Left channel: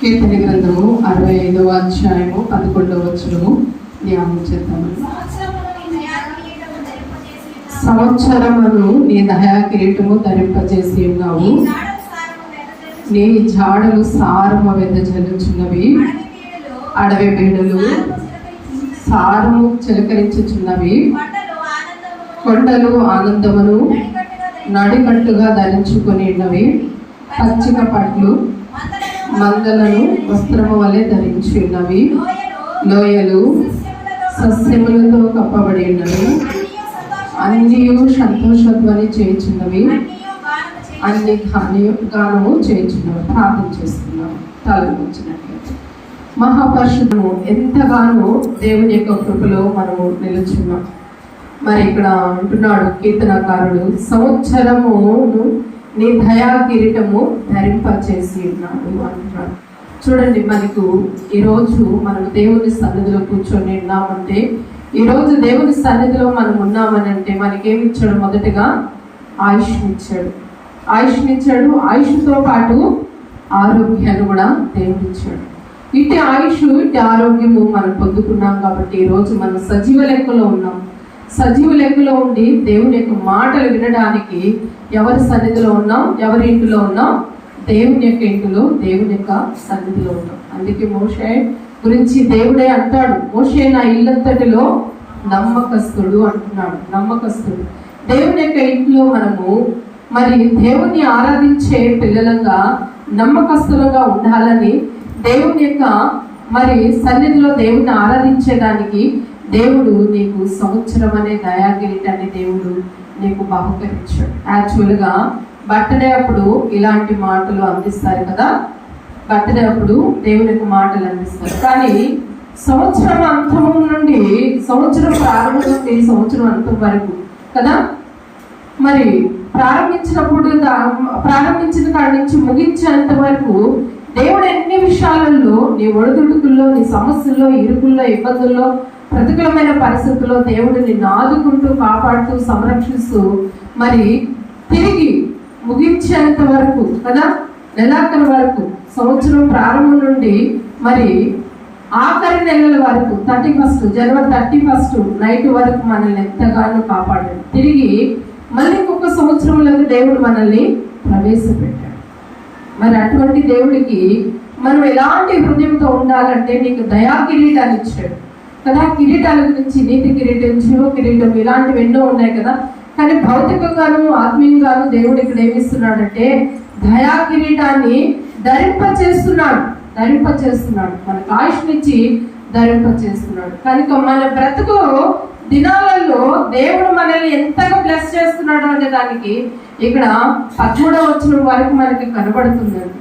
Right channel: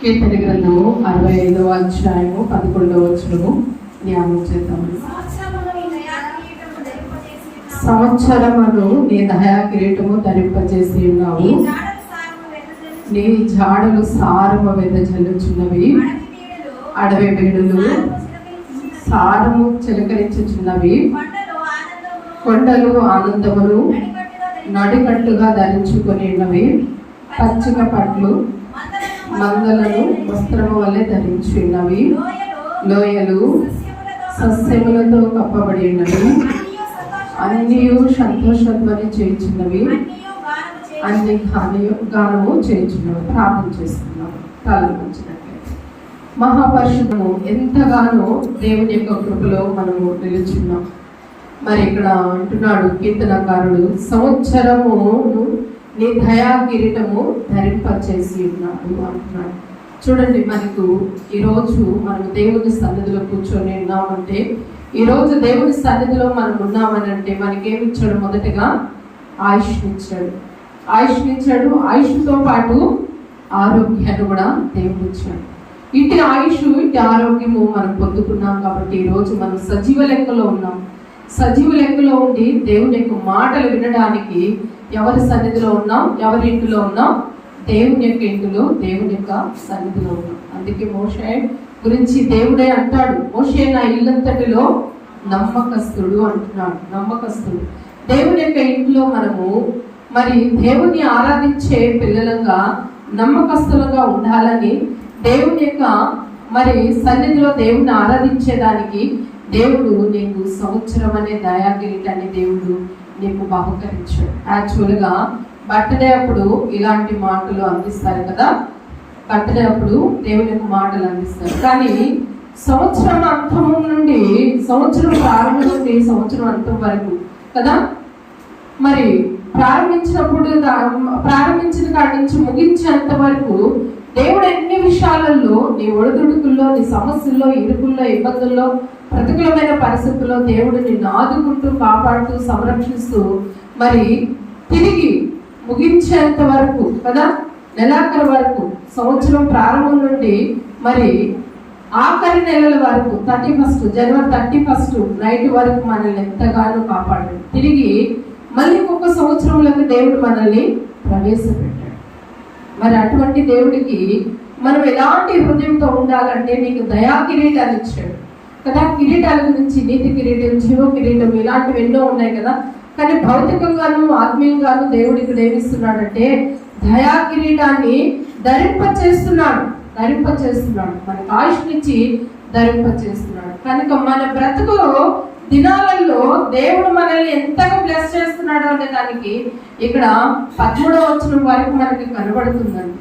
కీర్తన గ్రంథము అరవై ఐదవ అధ్యాయము పదకొండవ వచనము ధ్యానం చేద్దాము సంవత్సరమును నీ దయా కిరీటము ధరింపజేసి ఉన్నావు. నీ జాడలు సారము వెదజల్లుచు. నీ వెదజల్లుచున్నవి అడవి బీడలు సారము చిలకరించుచున్నవి. కొండలు ఆనందమును నడికట్టుగా నడికట్టుగా ధరించుకుని ఉన్నవి పచ్చిక పట్లు మందలను వస్త్రము వలె ధరించి ఉన్నవి లోయలు సస్యములతో కప్పబడి ఉన్నవి. అన్నీ అన్నీ సంతోషధ్వని అన్ని గాని గానము చేయించున్నవి ప్రార్థన చేస్తున్నాం. తలవంచినట్లయితే మహాపరుషుడు ఎంతగానో దేవుని యొక్క కృపలో మనము నిలుచున్నాం. మరి ఇక్కడ అంటున్నాడు కీర్తనకారుడు. సంవత్సరము నీ దయా కిరీటము ధరింపచేసి ఉన్నాడు అని చూడండి మనకు ఈరోజు మనం దేవుని సన్నిధిలో కూర్చొని ఉన్నామంటే ఈరోజు దేవుని సన్నిధిలో మనం ఉన్నామని అంటే మనకేమి ఇచ్చాడు మొదటగా? ఆయుష్నిచ్చాడు. ఆయుష్నిచ్చాడు ఆయుష్తో పాటు ఆరోగ్యాన్ని కూడా దేవుడు ఇచ్చాడు. ఇటు ఆయుష్ ఇటు ఆరోగ్యము మనం పొందుకున్నాం కాబట్టి ఈరోజు మనం సజీవ లెక్కలో ఉన్నాం. సజీవ లెక్కలో ఉండి దేవుని యొక్క మాటలు వినడానికి ఎవరి సన్నిధిలో ఉన్నాం? ఎవరి ఇంటిలో ఉన్నాం? దేవుని యొక్క ఇంటిలో దేవుని యొక్క సన్నిధిలో ఉంటాం. అందుకే మోషే గురించి దేవుడే అంటాడు. మోషే నా ఇల్లంతటిలో నమ్మకస్తుడు అంటున్నాడు. నమ్మకస్తుడు. దేవుని యొక్క ఇంట్లో మనము మరి దేవుని ఆరాధించే పిల్లలంగా నమ్మకస్తులుగా ఉండాలని దేవుని యొక్క మరి సన్నిధిలో దేవుని ఆరాధించేదానికి దేవుడు నీకు సంవత్సరం అనే దయాగిరిటాన్ని దేవుడు నీకు బహుకరించాడు. యాక్చువల్గా బర్త్డే అప్పుడు ఇలాంటి మాటలు అందిస్తారు కదా? బర్త్డే అప్పుడు దేవుని యొక్క మాటలు అందిస్తారు. కానీ సంవత్సరం అంతం నుండి సంవత్సరం ప్రారంభం నుండి సంవత్సరం అంతం వరకు కదా? మరి ప్రారంభించినప్పుడు ప్రారంభించిన కాడి నుంచి ముగించేంత వరకు దేవుడు ఎన్ని విషయాలలో నీ ఒడిదుడుకుల్లో నీ సమస్యల్లో ఇరుకుల్లో ఇబ్బందుల్లో ప్రతికూలమైన పరిస్థితుల్లో దేవుడు నిన్ను ఆదుకుంటూ కాపాడుతూ సంరక్షిస్తూ మరి తిరిగి ముగించేంత వరకు కదా? నెలాఖరు వరకు సంవత్సరం ప్రారంభం నుండి మరి ఆఖరి నెలల వరకు thirty first January thirty first night వరకు మనల్ని ఎంతగానో కాపాడాడు. తిరిగి మళ్ళీ ఒక్కొక్క సంవత్సరంలోకి దేవుడు మనల్ని ప్రవేశపెట్టాడు. మరి అటువంటి దేవుడికి మనం ఎలాంటి హృదయంతో ఉండాలంటే నీకు దయా కిరీటాలు ఇచ్చాడు. కదా? కిరీటాల గురించి నీతి కిరీటం జీవ కిరీటం ఇలాంటివి ఎన్నో ఉన్నాయి కదా? కానీ భౌతికంగాను ఆత్మీయంగాను దేవుడు ఇక్కడ ఏమిస్తున్నాడంటే దయా కిరీటాన్ని ధరింప చేస్తున్నాడు ధరింప చేస్తున్నాడు మనకు ఆయుష్నిచ్చి ధరింప చేస్తున్నాడు కనుక మన బ్రతుకు దినాలలో దేవుడు మనల్ని ఎంతగా బ్లెస్ చేస్తున్నాడు అనే దానికి ఇక్కడ పదమూడవ వచ్చిన వరకు మనకి కనబడుతుందండి.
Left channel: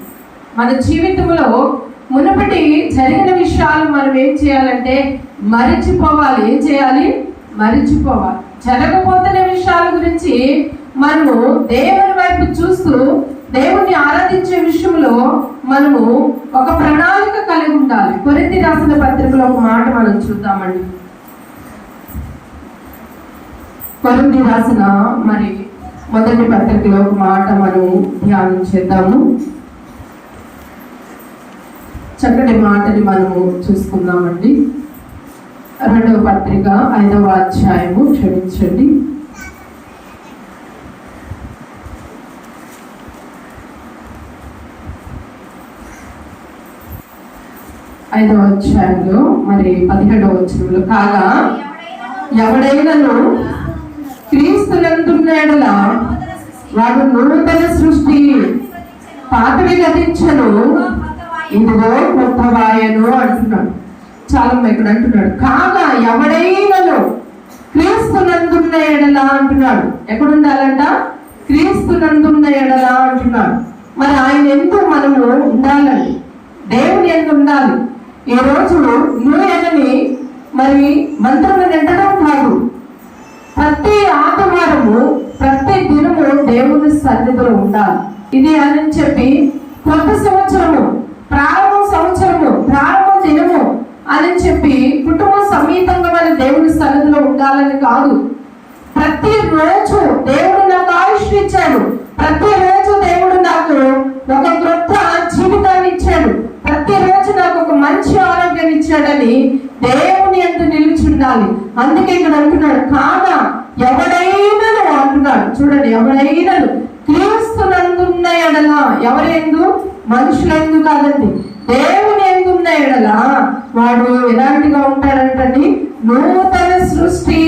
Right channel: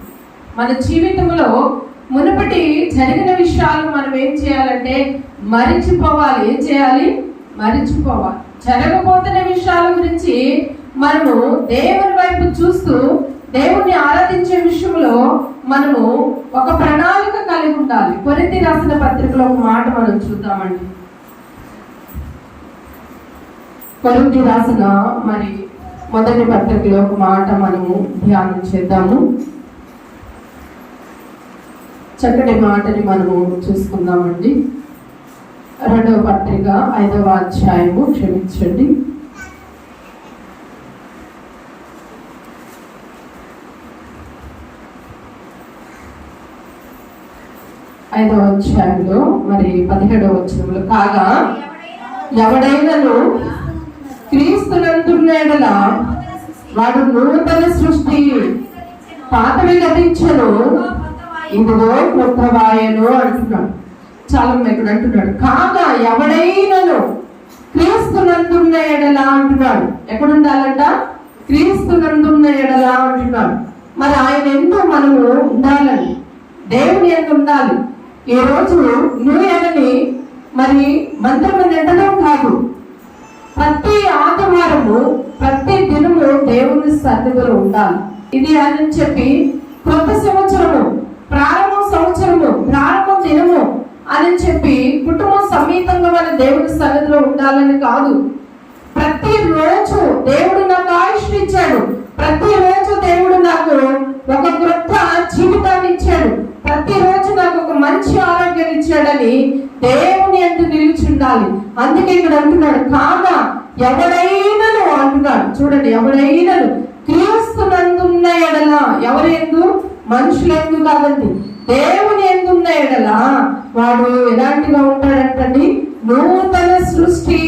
మన జీవితంలో మునుపటి జరిగిన విషయాలు మనం ఏం చేయాలంటే మరిచిపోవాలి. ఏం చేయాలి? మరిచిపోవాలి. జరగబోతున్న విషయాల గురించి మనము దేవుని వైపు చూస్తూ దేవుణ్ణి ఆరాధించే విషయంలో మనము ఒక ప్రణాళిక కలిగి ఉండాలి. కొరింది రాసిన పత్రికలో ఒక మాట మనం చూద్దామండి. కొరింది రాసిన మరి మొదటి పత్రికలో ఒక మాట మనం ధ్యానం చేద్దాము. చక్కటి మాటని మనము చూసుకుందామండి. రెండవ పత్రిక ఐదవ అధ్యాయము క్షమించండి. ఐదవ అధ్యాయంలో మరి పదిహేడవ వచనంలో. కాగా ఎవడైనను క్రీస్తునందున్న వాడు నూతన సృష్టి పాతవి గతించను ఇదిగో కొత్త వాయను అంటున్నాడు. చాలా ఇక్కడ అంటున్నాడు. కాగా ఎవడైనను క్రీస్తునందున్న ఎడల అంటున్నాడు. ఎక్కడుండాలంట? క్రీస్తునందున్న ఎడల అంటున్నాడు. మరి ఆయన ఎందు మనము ఉండాలండి. దేవుని ఎందు ఉండాలి. ఈ రోజు మరి మంత్రం నిండడం కాదు. ప్రతి ఆదివారము ప్రతి దినము దేవుని సన్నిధిలో ఉండాలి. ఇది అని చెప్పి కొత్త సంవత్సరము ప్రారంభ సంవత్సరము ప్రారంభ దినము అని చెప్పి కుటుంబ సమేతంగా మన దేవుని సన్నిధిలో ఉండాలని కాదు. ప్రతి రోజు దేవుడు నాకు ఆయుష్ ఇచ్చాడు ప్రతి రోజు దేవుడు నాకు ఒక క్రొత్త జీవితాన్ని ఇచ్చాడు ప్రతి నిలుచున్నాడని దేవుని ఎందు నిలుచుండాలి అందుకే ఇక్కడ అంటున్నాడు కాగా ఎవడైనను అంటున్నాడు. చూడండి ఎవడైనను క్రీస్తునందున్న ఎడల ఎవరెందు మనుషులందు కాదండి. దేవుని ఎందున్న ఎడల వాడు ఎలాంటిగా ఉంటాడంటండి? నూతన సృష్టి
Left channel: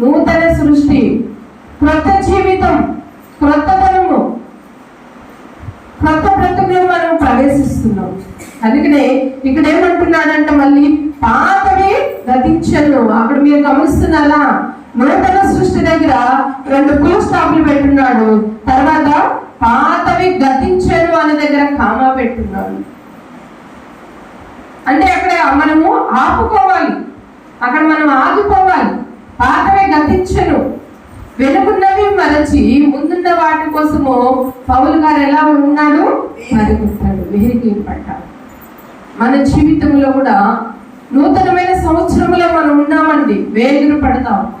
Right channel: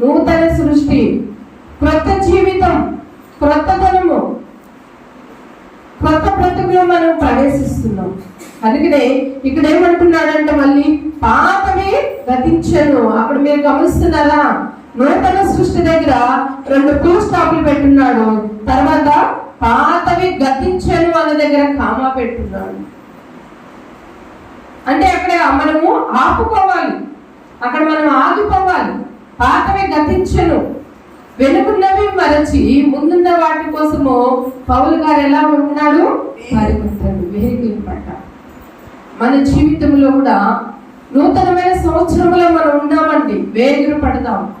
నూతన సృష్టి. క్రొత్త జీవితం క్రొత్తతనము కొత్త బ్రతుకులో మనం ప్రవేశిస్తున్నాం. అందుకనే ఇక్కడ ఏమంటున్నాడంటే మళ్ళీ పాతమే గతించను. అక్కడ మీరు గమనిస్తున్నారా? నూతన సృష్టి దగ్గర రెండు ఫుల్ స్టాప్లు పెట్టున్నాడు. తర్వాత పాతవి గతించను అనే దగ్గర కామా పెట్టున్నాడు. అంటే అక్కడ మనము ఆపుకోవాలి. అక్కడ మనం ఆగిపోవాలి. పాతవి గతించను. వెనుకున్నవి మరచి ముందున్న వాటి కోసము పౌలు గారు ఎలా ఉన్నాడు? పరిగెత్తాడు. వెహికల్ పట్ట మన జీవితంలో కూడా నూతనమైన సంవత్సరంలో మనం ఉన్నామండి. వేగులు పడతాం.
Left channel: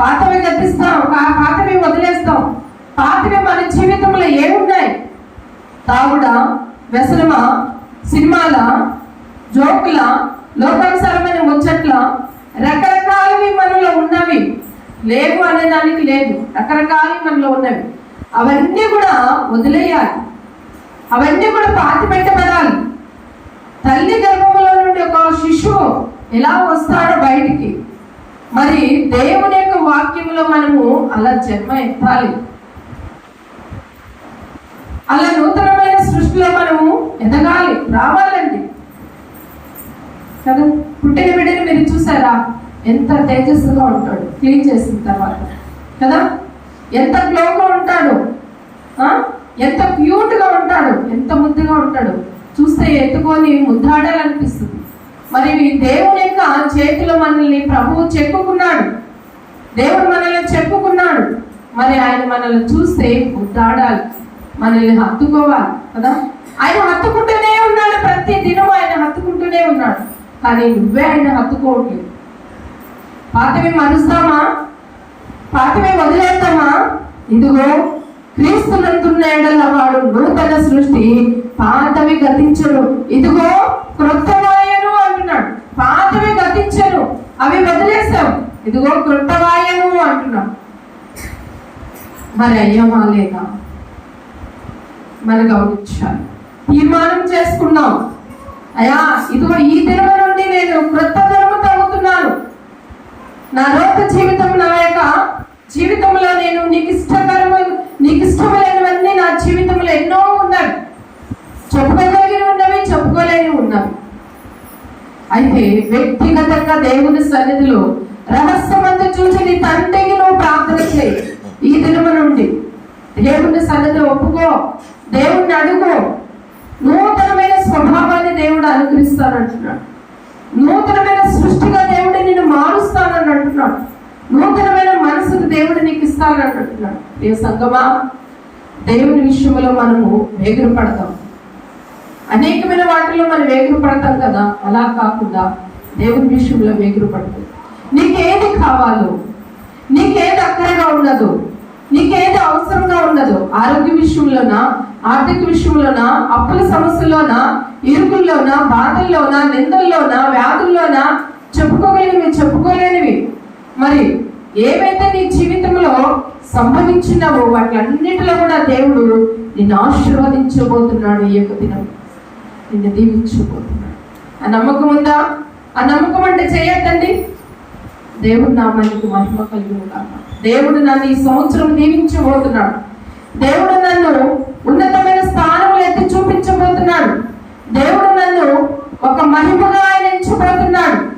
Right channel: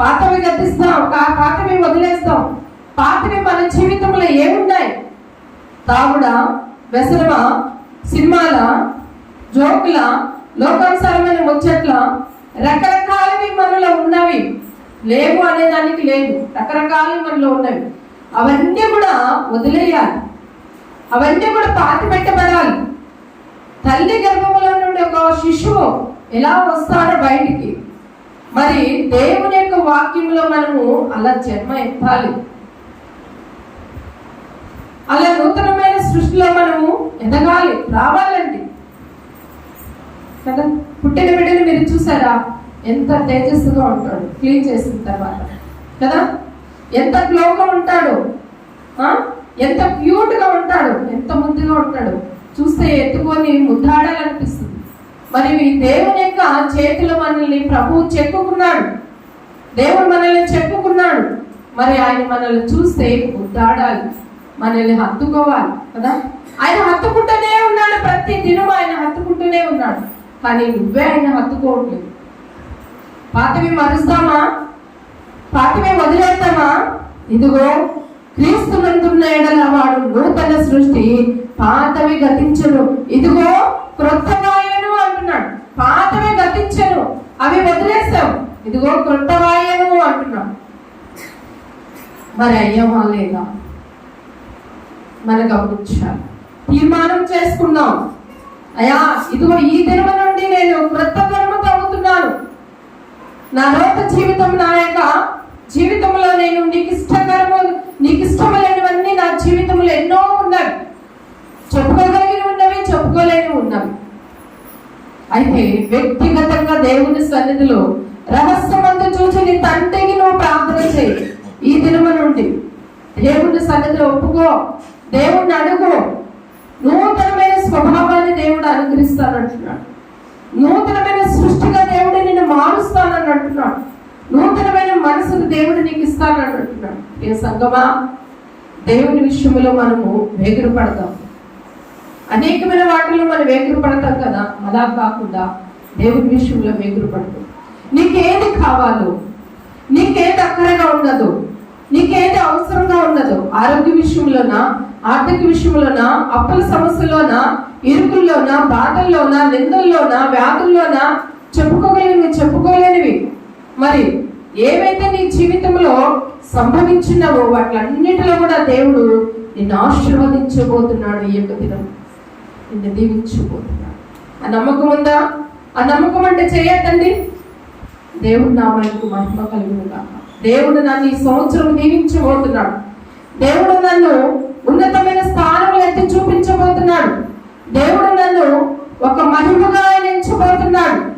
పాతవి గతిస్తాం. పాతవి వదిలేస్తాం. పాతవి మన జీవితంలో ఏమున్నాయి? తాగుడ వ్యసనమ సినిమాల జోకుల లోకానుసారమైన ముచ్చట్ల? రకరకాలవి మనలో ఉన్నవి. లేవు అనే దానికి లేదు. రకరకాలవి మనలో ఉన్నవి. అవన్నీ కూడా వదిలేయాలి. అవన్నీ కూడా పాతి పెట్టబడాలి తల్లి గర్భంలో నుండి ఒక శిశువు ఎలా వస్తాడో బయటికి. మరి దేవుని యొక్క వాక్యంలో మనము అలా జన్మ ఎత్తాలి. అలా నూతనమైన సృష్టిలో మనము ఎదగాలి రావాలండి. కదా? పుట్టిన బిడ్డని మీరు చూసారా? ఎంత తేజస్సుగా ఉంటాడు క్లీన్ చేసిన తర్వాత. కదా? ఎంత గ్లోగా ఉంటాడు ఎంత క్యూట్గా ఉంటాడు ఎంత ముద్దుగా ఉంటాడు. చూస్తే ఎత్తుకొని ముద్దాడాలనిపిస్తుంది. మరి దేవుని యొక్క చేతిలో మనల్ని ప్రభువు చెప్పుకున్నాడు దేవుడు మనల్ని చెప్పుకున్నాడు మరి ఆయన మనల్ని చూస్తే ముద్దాడాలి. మనల్ని హత్తుకోవాలి కదా? ఆయన హత్తుకుంటూనే ఉన్నాడు ప్రతి దినం ఆయన హత్తుకుంటూనే ఉన్నాడు. కానీ నువ్వే ఆయన హత్తుకోవట్లేదు. పాతవి మరుస్తామా? పాతవి వదిలేస్తామా? ఇదిగో క్రీస్తునందున్న ఎడల వాడు నూతన సృష్టి పాతవి గతించను ఇదిగో క్రొత్తవాయను అంటున్నాడు. పాతవి గతించను అవి వదిలేస్తాం ఇదిగో క్రొత్తవాయను అంటున్నాం మరి అయ్యమా లేక మరి గమనించాలి. తీర్మానం చేసుకున్నాం. అయ్యా ఇదిగో ఈ దినమ నుండి నేను క్రొత్త ధర్మ తగ్గుతున్నాను నా లోక జీవితం నా యొక్క జీవితంలో నేను నీకు ఇష్టకరము నీకు ఇష్టములైనవన్నీ నా జీవితంలో ఎన్నో ఉన్నాయి. చెప్పుకోగలిగిన ఉన్నవి చెప్పుకోలేని ఉన్నవి. అయితే వ్యక్తిగతంగా దేవుని సన్నిధిలో రహస్యమంతా చూసి నీ తండ్రికి నువ్వు ప్రార్థన చేయి. ఈ దినమ నుండి దేవుని సన్నిధిలో ఒప్పుకో. దేవుణ్ణి అడుగు. నూతనమైన స్వభావాన్ని దేవుడు అనుగ్రహిస్తానంటున్నాడు. నూతనమైన సృష్టిగా దేవుడు నిన్ను మారుస్తానని అంటున్నాడు. నూతనమైన మనసును దేవుడు నీకు ఇస్తానని అంటున్నాడు. ఏ సంగమా దేవుని విషయంలో మనము వేగురు పడతాం అనేకమైన వాటిలో మనం వేగులు పడతాం కదా? అలా కాకుండా దేవుని విషయంలో వేగురు పడతాం. నీకేది కావాలో నీకేది అక్కడగా ఉన్నదో నీకేది అవసరంగా ఉన్నదో ఆరోగ్య విషయంలోనా ఆర్థిక విషయంలోనా అప్పుల సమస్యలోనా ఇరుకుల్లోనా బాధల్లోనా నిందల్లోనా వ్యాధుల్లోనా చెప్పుకోగలిగినవి చెప్పుకోలేనివి. మరి ఏవైతే నీ జీవితంలో సంభవించినవో వాటిలన్నిటిలో కూడా దేవుడు నిన్ను ఆశీర్వదించబోతున్నాడు ఈ యొక్క దినం. నిన్ను దీవించబోతున్నాడు ఆ నమ్మకం ఉందా? ఆ నమ్మకం అంటే చేయొద్దండి. దేవుడు నా మనకు మహిమ కలిగిన దేవుడు నన్ను ఈ సంవత్సరం దీవించబోతున్నాడు. దేవుడు నన్ను ఉన్నతమైన స్థానంలో ఎత్తి చూపించబోతున్నాడు. దేవుడు నన్ను ఒక మహిమగా ఆయన ఎంచబోతున్నాడు.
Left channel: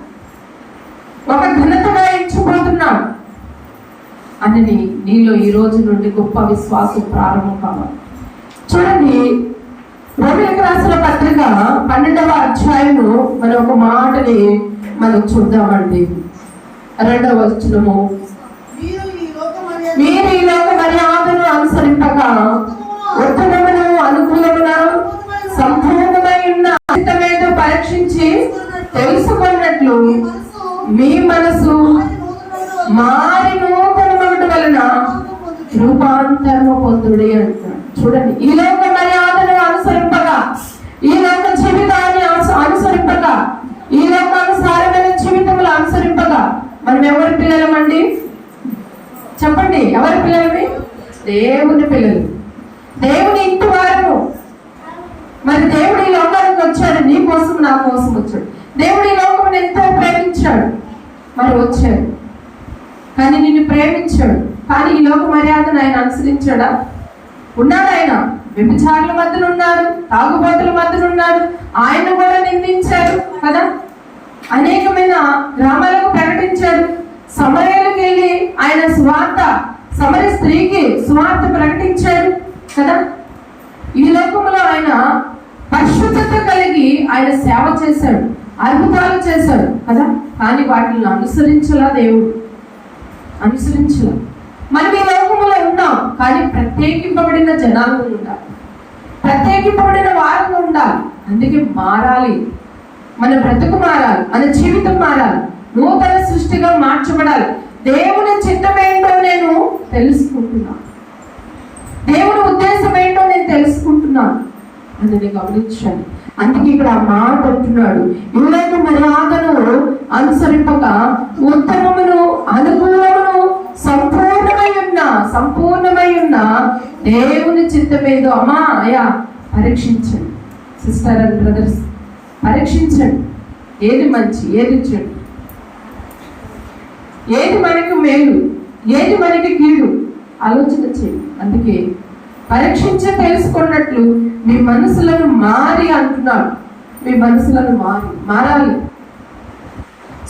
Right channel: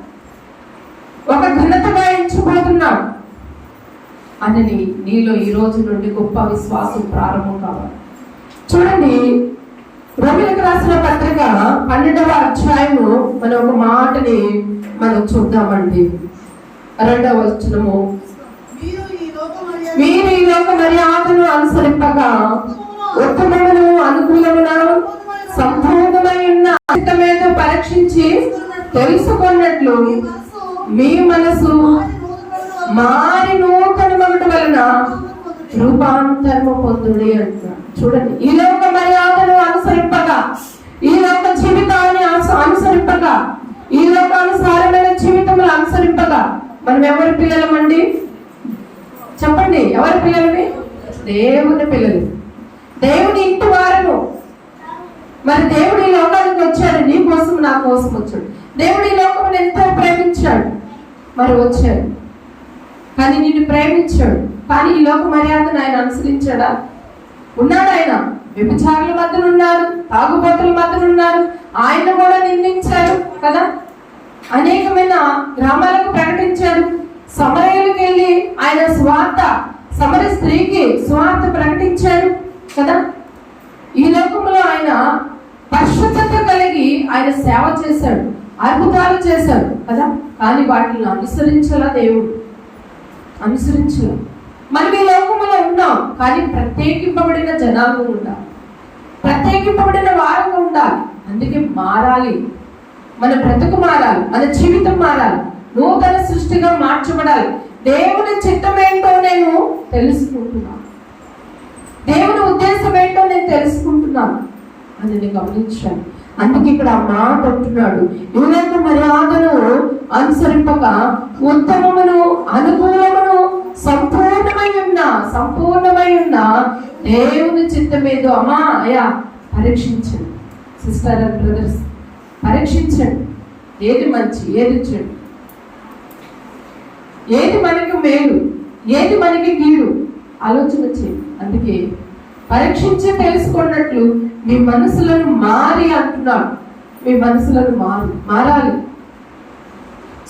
ఒక ఘనతగా ఎంచబోతున్నాడు. అని నీలో ఈ రోజు నుండి గొప్ప విశ్వాసం ప్రారంభం కావాలి. చూడండి రోమిలకు రాసిన పత్రిక పన్నెండవ అధ్యాయము మనం ఒక మాటని మనం చూద్దామండి. రెండవ వచనము. మీరు ఈ లోక మర్యాదను అనుసరింపక ఉత్తమమును అనుకూలమున సంపూర్ణమైన ఉన్న పరీక్షించి తెలుసుకున్నట్లు మీ మనసు మారి నూతన వలన రూపాంతరము పొందుడి అంటున్నాడు. చూడండి. ఈ లోక మర్యాదను అనుసరింపగా ఈ లోక జీవితాన్ని అనుసరింపగా ఈ లోకానుసారమైన జీవితములు అనుసరింపగా మనం ఎవరి పిల్లలమండి? చెప్పండి ఎవరి పిల్లలవి? దేవుని పిల్లలు. దేవుని ఇంటి వారము. మరి దేవుడు ఈ లోకానికి వచ్చాడు నీ కోసం నా కోసం వచ్చాడు. దేవుడు ఈ లోకమును ఎంతో ప్రేమించాడు మరి వచ్చాడు. కానీ నిన్ను ప్రేమించాడు. కానీ ఈ లోక మర్యాదను ఆయన అనుసరించాడా? ఉన్నాడు ఆయన. వ్యభిచారుల మధ్యన ఉన్నాడు తాగుబోతుల మధ్యన ఉన్నాడు ఆయన కూడా నిందించాడు కదా? అనేకమైన గ్రామాలకు ప్రకటించాడు. సమరయులకు వెళ్ళి ఆయన స్వార్థ సమర స్త్రీకి స్వార్థ ప్రకటించాడు కదా? ఈ లోకంలో ఆయన పరిశుద్ధత కలిగి ఆయన సేవ చేశాడు అద్భుతాలు చేశాడు కదా? కానీ వాటిని అనుసరించలా దేవుడు. అనుసరించలా. మనం ఈ ఉన్నాం కానీ ప్రత్యేకింపబడిన జనాలు ఉండాలి. ప్రత్యేకింపబడిన వారం ఉండాలి. అందుకే మారాలి. మన బ్రతుకు మారాలి మన జీవితం మారాలి. నూతన సృష్టిగా మార్చబడాలి. దేవుని చిత్తం ఏంటో నేను తెలుసుకుంటున్నాను దేవుని ఉద్దేశం ఏంటో నేను తెలుసుకుంటున్నాను అని నేను గమనించాను. అందుకే ఇక్కడ ఆ మాట అంటున్నాడు. యువకు మర్యాదను అనుసరింపక ఉత్తమమును అనుకూలం సంపూర్ణమై ఉన్న సంపూర్ణమై ఉన్న దేవుని చిత్తమేదో అమ్మా అయ్యా పరీక్షించండి. సిస్టర్ అండ్ బ్రదర్స్ పరీక్షించండి. ఏది మంచి ఏది చెడు? ఏది మనకి మేలు ఏది మనకి కీడు? ఆలోచన చేయి అందుకే పరీక్షించ తెలుసుకున్నట్లు మీ మనసులను మారి అంటున్నాడు. మీ మనసులను మారి మారాలి.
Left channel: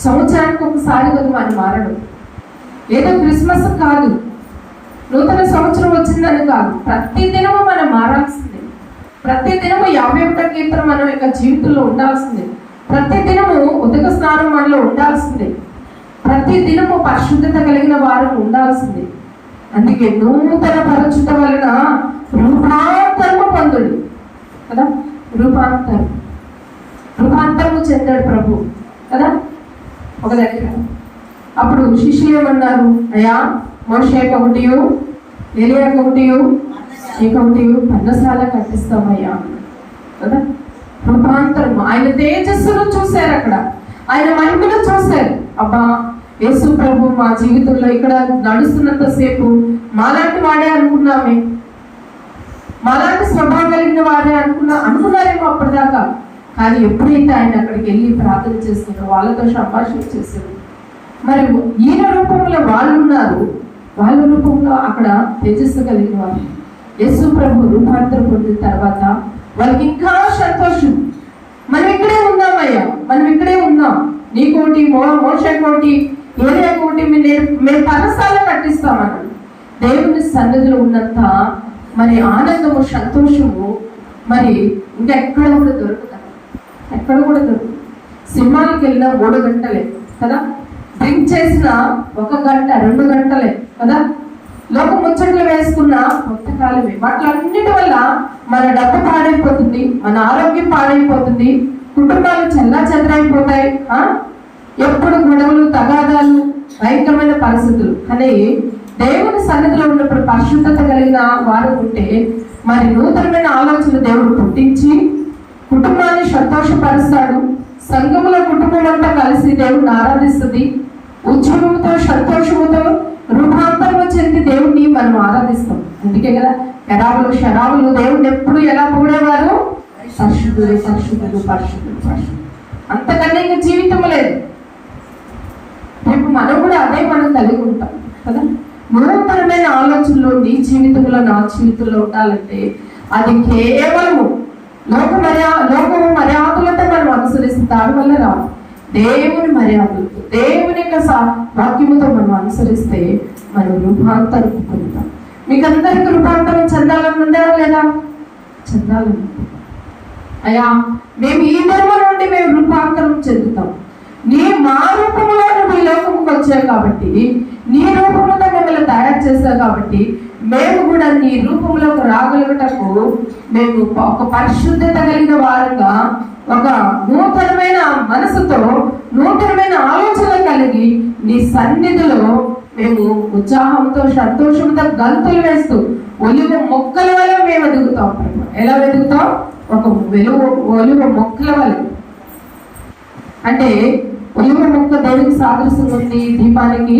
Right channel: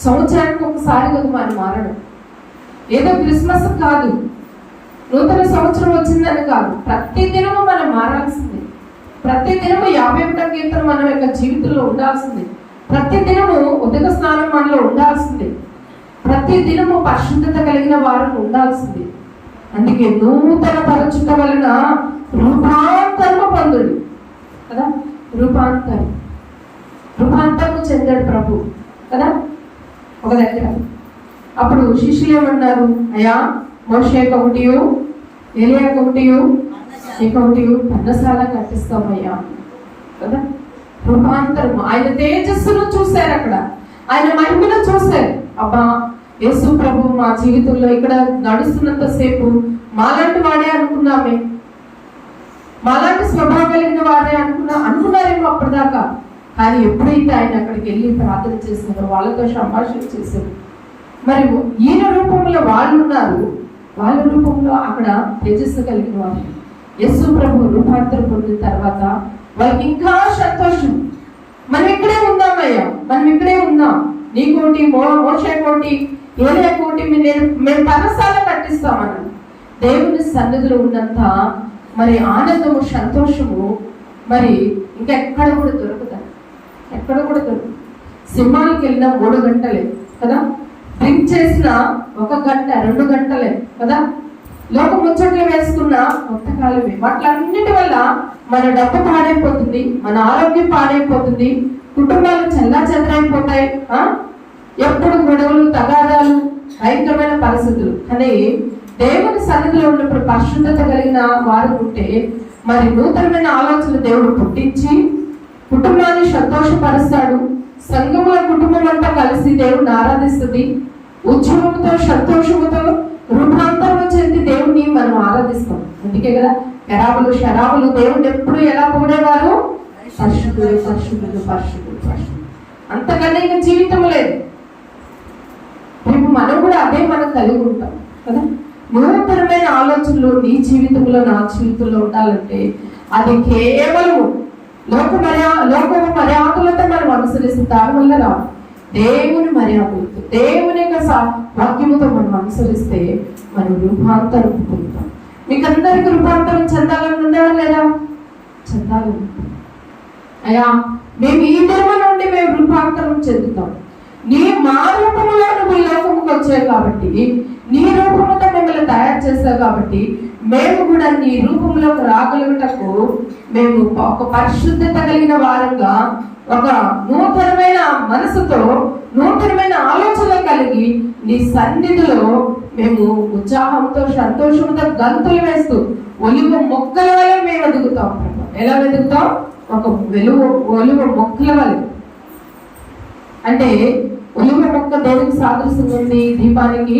సంవత్సరానికి ఒకసారి కదా మరి మారడం. ఏదో క్రిస్మస్ కాదు. నూతన సంవత్సరం వచ్చిందని కాదు ప్రతి దినము మనం మారాల్సిందే ప్రతి దినము యాభై ఒకట కీర్తన మన యొక్క జీవితంలో ఉండాల్సిందే. ప్రతి దినము ఉదక స్నానం మనలో ఉండాల్సిందే. ప్రతి దినము పరిశుద్ధత కలిగిన వారికి ఉండాల్సిందే. అందుకే నూతన పరచుట వలన రూపాంతరము పొందుడు. కదా? రూపాంతరం. రూపాంతరము చెందాడు ప్రభు. కదా? ఒక దగ్గర. అప్పుడు శిష్యులు ఏమన్నారు? అయ్యా మోషేకి ఒకటియు ఏలియాకి ఒకటియు నీకొకటియు పన్నసాల కట్టిస్తామయ్యా. కదా? రూపాంతరము ఆయన తేజస్సును చూశారు అక్కడ. ఆయన మహిమను చూశారు. అబ్బా యేసు ప్రభు మా జీవితంలో ఇక్కడ నడుస్తున్నంత సేపు మాలాంటి వాడే అనుకున్నామే. మాలాంటి స్వభావం కలిగిన వాడే అనుకున్నా అనుకున్నారేమో అప్పటిదాకా. కానీ ఎప్పుడైతే ఆయన అక్కడికి వెళ్ళి ప్రార్థన చేసుకున్నారో వాళ్ళతో సంభాషణ చేశారు. మరి ఈయన రూపంలో వాళ్ళు ఉన్నారు. వాళ్ళ రూపంలో అక్కడ తేజస్సు కలిగిన వారు. యేసు ప్రభు రూపాంతరం పొందిన తర్వాత వాళ్ళకి ఇంకా సంతోషం. మనం ఇక్కడే ఉందామయ్యా. మనం ఇక్కడే ఉందాం. నీకోటి మో మోష కోటి ఏరియా కోటి నేను మేము పరసాల కట్టిస్తామని దేవుని సన్నిధిలో ఉన్నంత మరి ఆనందము సంతోషము మరి ఇంకెక్కడ కూడా దొరుకుతాయి. ఎక్కడ కూడా దొరుకుతుంది సినిమాలకు వెళ్ళిన మూడు గంటలే కదా? డ్రింక్ చేసిన ఒక గంట రెండు గంటలే కదా? లోక ముచ్చట్లు వేసుకున్న కొంతకాలమే. వాటిలన్నిటి వల్ల మన డబ్బు పాడైపోతుంది మన ఆరోగ్యం పాడైపోతుంది కుటుంబాలు చల్లా చెదరైపోతాయి ఎప్పుడు గొడవలు తగాదాలు భయంకరమైన పరిస్థితులు. కానీ దేవుని సన్నిధిలో ఉన్నప్పుడు పరిశుద్ధత కలిగిన వారు ఉంటే మరి నూతనమైన ఆలోచన దేవుడు పుట్టించి కుటుంబాన్ని సంతోషపరుస్తాడు. సంఘముల కుటుంబం అంతా కలిసి దేవుడిని ఆరాధిస్తుంది. ఉద్యమంతో సంతోషముతో రూపాంతరంగా చెంది దేవుణ్ణి మనం ఆరాధిస్తాం. అందుకే కదా శరాబులు శరాబులు దేవుడు ఎప్పుడు ఎలా పూడేవారు పరిశుద్ధుడు పరిశుద్ధుడు పరిశుద్ధుడు పరిశుద్ధులు. అంతకన్నా ఇంకా జీవితం లేదు. రేపు మనం కూడా అదే మనం కలిగి ఉంటాం కదా? నూతనమైన ఆలోచనలు నీ జీవితంలో నా జీవితంలో ఉండాలంటే అది కేవలము లోక మర్యా లోకము మర్యాదలతో మనం అనుసరిస్తే దానివల్ల రావు దేవుని మర్యాదలతో దేవుని యొక్క వాక్యముతో మనం అనుసరిస్తే మనం రూపాంతరం పొందుతాం. మీకు అందరికి రూపాంతరం చెందాలని ఉందా లేదా? చెందాలని అయ్యా మేము ఈ ధర్మ నుండి మేము రూపాంతరం చెందుతాం. నీ మా రూపంలో నువ్వు ఈ లోకముకు వచ్చావు కాబట్టి నీ రూపంతో మిమ్మల్ని తయారు చేస్తావు కాబట్టి మేము కూడా నీ రూపంలోకి రాగలుగుటకు మేము ఒక పరిశుద్ధత కలిగిన వారంగా ఒక నూతనమైన మనసుతో నూతనమైన ఆలోచన కలిగి నీ సన్నిధిలో మేము ఉత్సాహంతో సంతోషంతో గంతులు వేస్తూ ఒలివ మొక్కల వల్ల మేము ఎదుగుతాం. ఎలా ఎదుగుతాం? ఒక వెలువ ఒలివ మొక్కల వల్ల అంటే ఒలివ మొక్క దేనికి సాదృశ్యంగా ఉంది? దీపానికి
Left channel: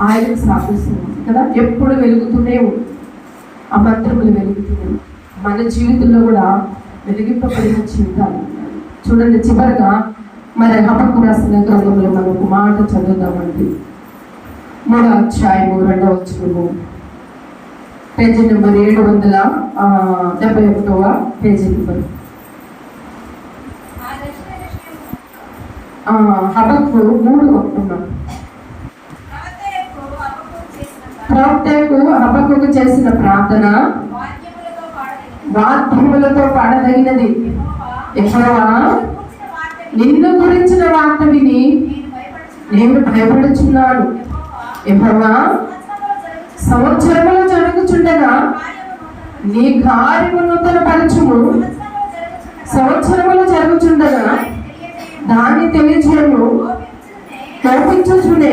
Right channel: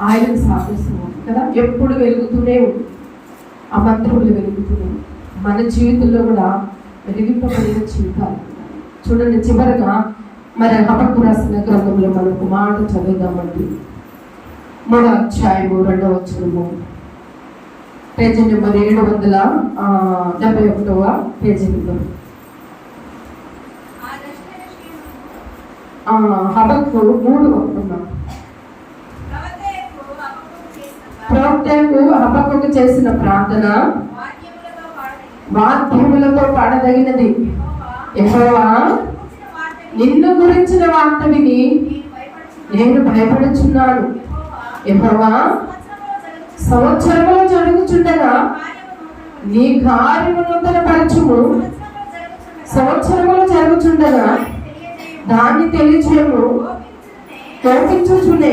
ఆయనకు సాదృశ్యంగా ఉంది కదా? ఎప్పుడు వెలుగుతూనే ఉంది. ఆ మంత్రములు వెలుగుతున్నాయి మన జీవితంలో కూడా వెలిగింపబడిన జీవితాలు చూడండి చివరగా మరి హపకు రాసిన గ్రంథంలో మనం ఒక మాట చదువుదామండి. మూడో అధ్యాయము రెండవ వచ్చుము పేజీ నెంబర్ ఏడు వందల డెబ్బై ఒకటవ పేజీ నెంబర్. ఆ హబక్కు మూడు ప్రవక్తకు హబక్కు చేసిన ప్రార్థన వాద్యములతో పాడదగినది. యెహోవా, నిన్ను గురించిన వార్త విని నేను భయపడుచున్నాను. నేను సంవత్సరములో జరుగుచుండగా నీ కార్యము నూతన పరచుము. సంవత్సరములో జరుగుచుండగా దాన్ని తెలియజేయము. తెలియచేయము కోపించుచునే కోపించుచునే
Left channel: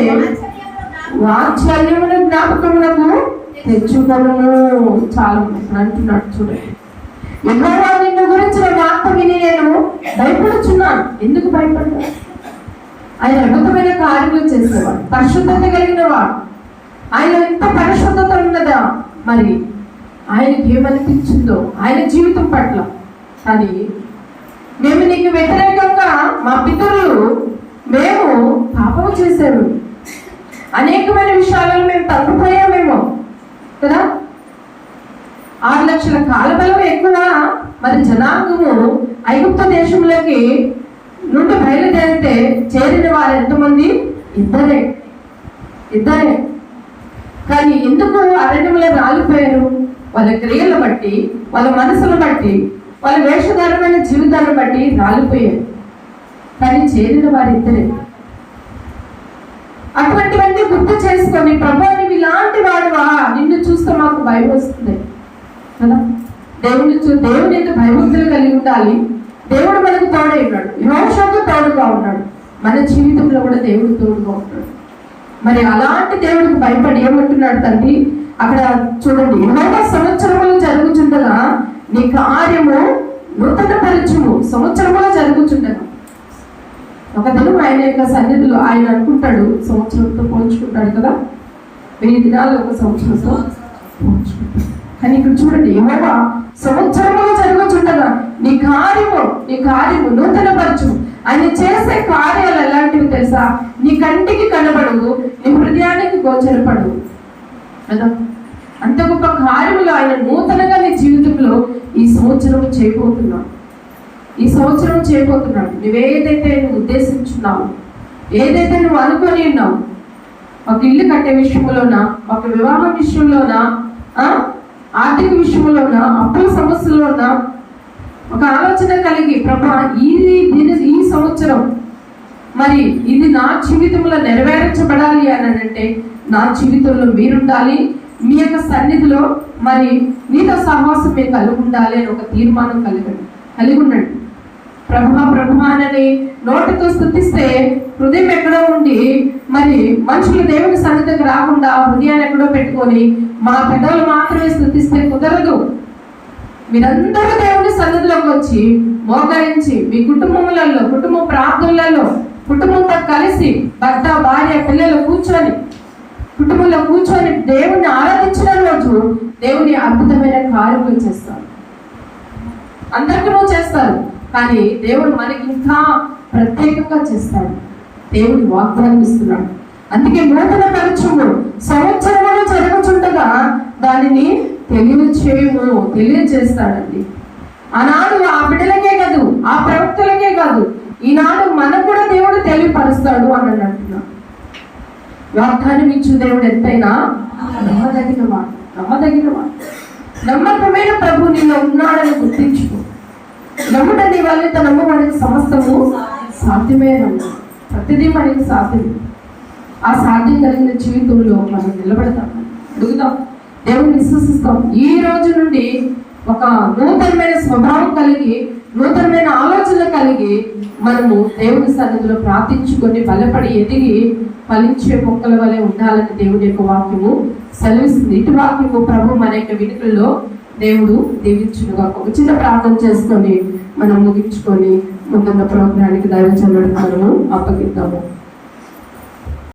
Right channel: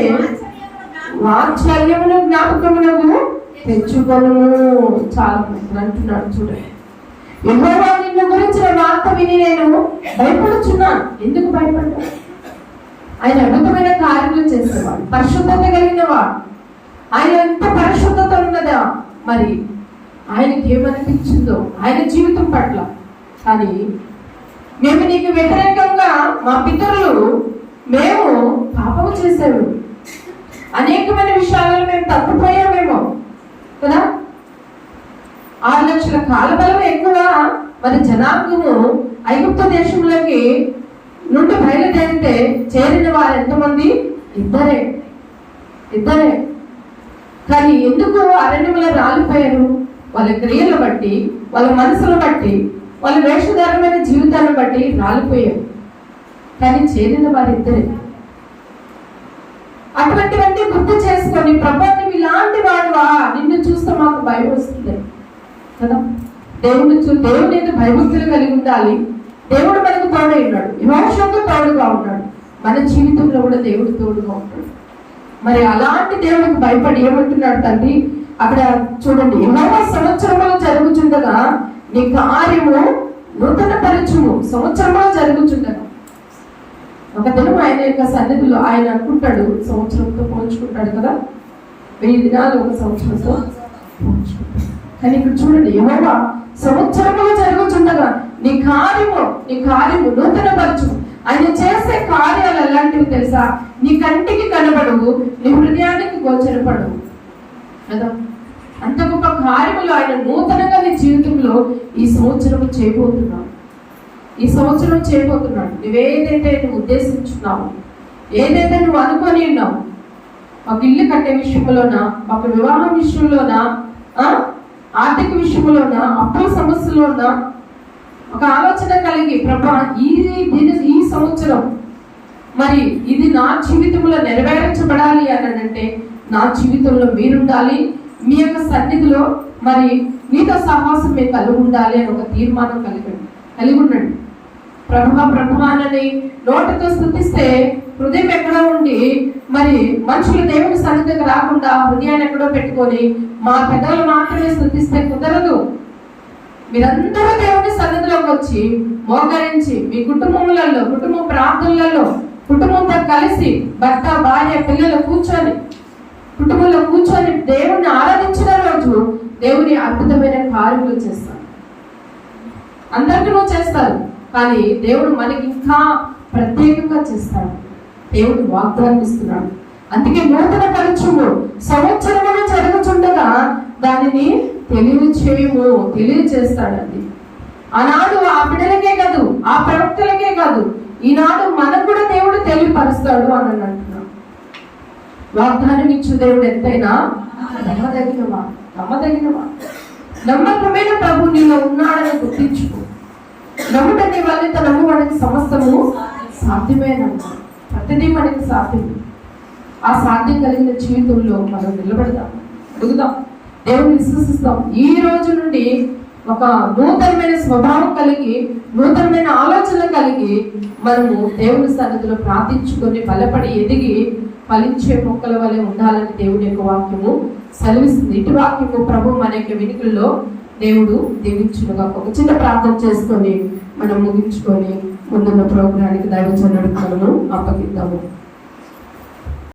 వాత్సల్యమును జ్ఞాపకము తెచ్చుకొను చాలా అంటున్నాడు చూడండి యెహోవా నిన్ను గురించిన వార్త విని నేను భయపడుచున్నాను. ఎందుకు భయపడ్డా ఆయన అద్భుతమైన కార్యములు చేసేవాడు పరిశుద్ధత కలిగిన వాడు ఆయన ఎంత పరిశుద్ధత ఉన్నదా? మరి ఆయనకి ఏమనిపించిందో ఆయన జీవితం పట్ల. కానీ మేము నీకు వ్యతిరేకంగా మా పితరులు మేము పాపం చేసాము అనేకమైన విషయాలలో మేము తప్పిపోయామేమో కదా? ఆరు లక్షల కాలబలం ఎక్కువ మరి జనాంగము ఐగుప్త దేశంలోకి నుండి బయలుదేరితే చేరిన వారు ఎంతమంది? ఇద్దరే. ఇద్దరే. కానీ ఎందుకు అరణ్యంలో రాలిపోయారు? వాళ్ళ క్రియలు బట్టి వాళ్ళ మనసును బట్టి వాళ్ళ వేషధారమైన జీవితాన్ని బట్టి రాలిపోయారు. కానీ చేరిన వారిద్దరే. అటువంటి అటువంటివన్నీ గుర్తు చేసుకొని ప్రభా నువ్వు ఇలాంటి వాడువా? నిన్ను చూస్తే మాకు భయం వస్తుంది. కదా? దేవుని చూ దేవుని భయభక్తులు కలిగి ఉండాలి. దేవుడు మనకు తోడై ఉన్నాడు. యోషకు తోడుగా ఉన్నాడు. మన జీవితంలో కూడా దేవుడు తోడుగా ఉంటాడు. మరి అలాంటి దేవుడికి భయపడి ఏమంటున్నాడు తండ్రి? అక్కడ చూడండి ఎన్నో సంవత్సరములు జరుగుచుండగా నీ కార్యము నూతన పరిచయము సంవత్సరంలో జరుగుతుండగా ఒక దినం ఆయన యొక్క సన్నిధిలో ఆయన అనుకుంటాడు సంవత్సరంతో పోల్చుకుంటాడు కదా? వెయ్యి దినాలు ఒక సంవత్సరంతో పోల్చుకుంటాడు. కానీ ఇక్కడ చూడండి యెహోవా సంవత్సరంలో జరుగుచుండగా నీ కార్యము నీ కార్యము నూతన పరచు ఆయన చేసే కార్యాలు ఎలాంటివి తెలుసా? నీ కంటికి కనబడవు నీ హృదయానికి గోచరపడవు. కదా అంత గొప్ప కార్యములు ఆయన నూతనంగా నీ జీవితంలో ఈ సంవత్సరం చేయబోతున్నాడు. ఈ సంవత్సరం చేయబోతున్నాడు. నువ్వేదైతే నువ్వు ఉద్దేశించున్నావు ఏదైతే నువ్వు అనుకొని ఉన్నావు ఒక ఇల్లు కట్టే విషయంలోనా ఒక వివాహం విషయంలోనా ఆర్థిక విషయంలోనా అప్పుల సమస్యలోనా ఒక ఆలోచన కలిగి ప్రభా ఈ దిన ఈ సంవత్సరం మరి ఇది నా జీవితంలో నెరవేర్చబడాలి అని అంటే నా జీవితంలో మీరుండాలి మీ యొక్క సన్నిధిలో మరి మీతో సహవాసం మేము కలిగి ఉండాలి అని ఒక తీర్మానం కలిగండి కలిగి ఉండండి ప్రభువ ప్రభా నోటితో స్థుతిస్తే హృదయం ఎక్కడ ఉండి మరి మనుషులు దేవుని సన్నిధికి రాకుండా హృదయాన్ని ఎక్కడో పెట్టుకొని మా పెద్దలు మాత్రమే స్థుతిస్తే కుదరదు. మీరందరూ దేవుని సన్నిధిలోకి వచ్చి మోకరించి మీ కుటుంబములలో కుటుంబ ప్రార్థనలలో కుటుంబంతో కలిసి భర్త భార్య పిల్లలు కూర్చొని కుటుంబంలో కూర్చొని దేవుణ్ణి ఆరాధించిన రోజు దేవుని అద్భుతమైన కార్యములు చేస్తారు. అందరికీ చేస్తారు కానీ దేవుడు మనకి ఇంకా ప్రత్యేకంగా చేస్తాడు దేవుడు వాగ్దానం ఇస్తున్నాడు. అందుకే నూతన పరిచయము సంవత్సరములు జరుగుచుండగా దానిని తెలియచేయము తెలియజేస్తాడండి ఆనాడు ఆ బిడ్డలకే కాదు ఆ ప్రవక్తలకే కాదు ఈనాడు మనకు కూడా దేవుడు తెలియపరుస్తాడు అని అంటున్నా. వాగ్దానం ఇచ్చు దేవుడు ఎంతైనా? నమ్మదగిన వాడు నమ్మకమైన ప్రభు నీలో ఉన్నాడని గుర్తించుకో. నమ్ముట నీ వల్ల నమ్మడానికి సమస్తము సాధ్యమే ప్రతిదీ మనకి సాధ్యం ఆ సాధ్యం కలిగిన జీవితంలో మనం నిలబడదాం అడుగుదాం. దేవుని విశ్వసిస్తాం. ఈ రోజు నుండి ఒక నూతనమైన స్వభావం కలిగి నూతనమైన ఆలోచన కలిగి మనము దేవుని సన్నిధిలో ప్రార్థించుకొని బలపడి ఎదిగి ఫలించే మొక్కల వలె ఉండాలని దేవుని యొక్క వాక్యము సెలవిస్తుంది. ఇటు వాక్యము ప్రభు మన యొక్క వినుకల్లో దేవుడు దీవించునుగా. ఒక చిన్న ప్రార్థన చేసుకొని మనం ముగించుకొని ముందున్న ప్రోగ్రానికి దైవ చల్లడం మనము అప్పగిద్దాము.